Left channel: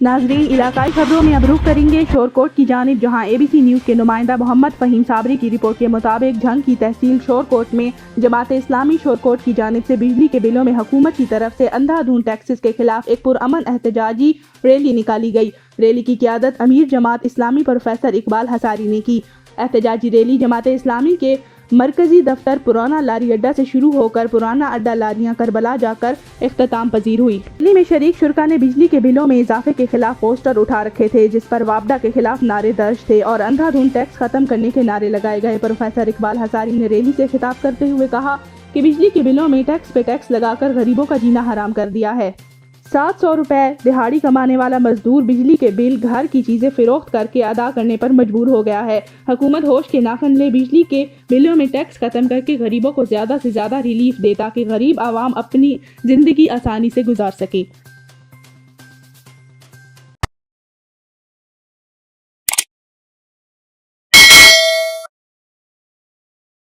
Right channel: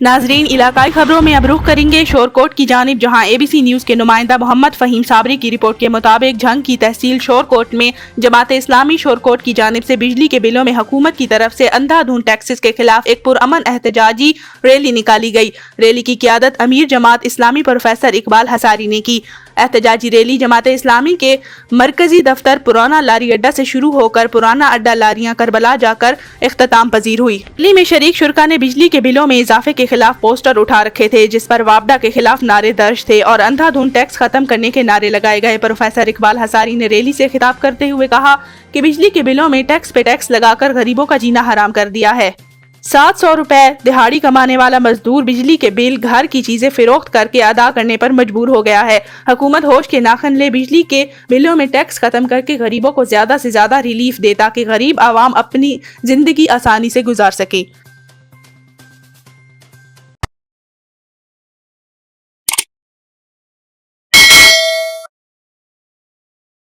नाजरीन, इलाकाई खबरों में अब रुख करेंगे शोरकोट की जानिब, जहां ABC न्यूज़ के नुमाइंदा मोहम्मद फहीम साबरी की रिपोर्ट के मुताबिक झंग की तहसील शोरकोट में जमात इस्लामी शोरकोट की जानिब से बिजली के बिलों में हुकूमत की तरफ से अंधाधुंध टैक्सेस के खिलाफ एक पुरअमन एहतजाजी रैली निकाली गई। रैली की क़ियादत अमीर जमात इस्लामी प्रोफेसर इकबाल हसारी ने की। एहतजाजी रैली जमात इस्लामी के मरकजी दफ्तर पुराना लारी अड्डा से शुरू होकर पुराना अड्डा लारियां करबला जाकर इख्तिताम पजीर हुई। रैली में शरीक शुरका ने बिजली के बिलों में इजाफे के खिलाफ पोस्टर उठा रखे थे, जिस पर वापडा के खिलाफ नारे दर्ज थे और अंधाधुंध टैक्स खत्म करने के नारे लगाए गए। प्रोफेसर इकबाल हसारी ने रैली से खिताब करते हुए कहा कि बिजली के बिलों में टैक्स पे टैक्स लगाकर गरीबों का जीना हराम कर दिया है। 700 रुपए दिहाड़ी कमाने वाला मजदूर बिजली के बिल, घर की चीजें फिरोख्त करके अदा करने पर मजबूर हो गया है। हुकूमत होश के नाखन ले बिजली के बिलों में टैक्स खत्म करके गरीबों को ज्यादा से ज्यादा रिलीफ दे, ताकि गरीब आवाम अपनी जिंदगी आसानी से गुजार सके।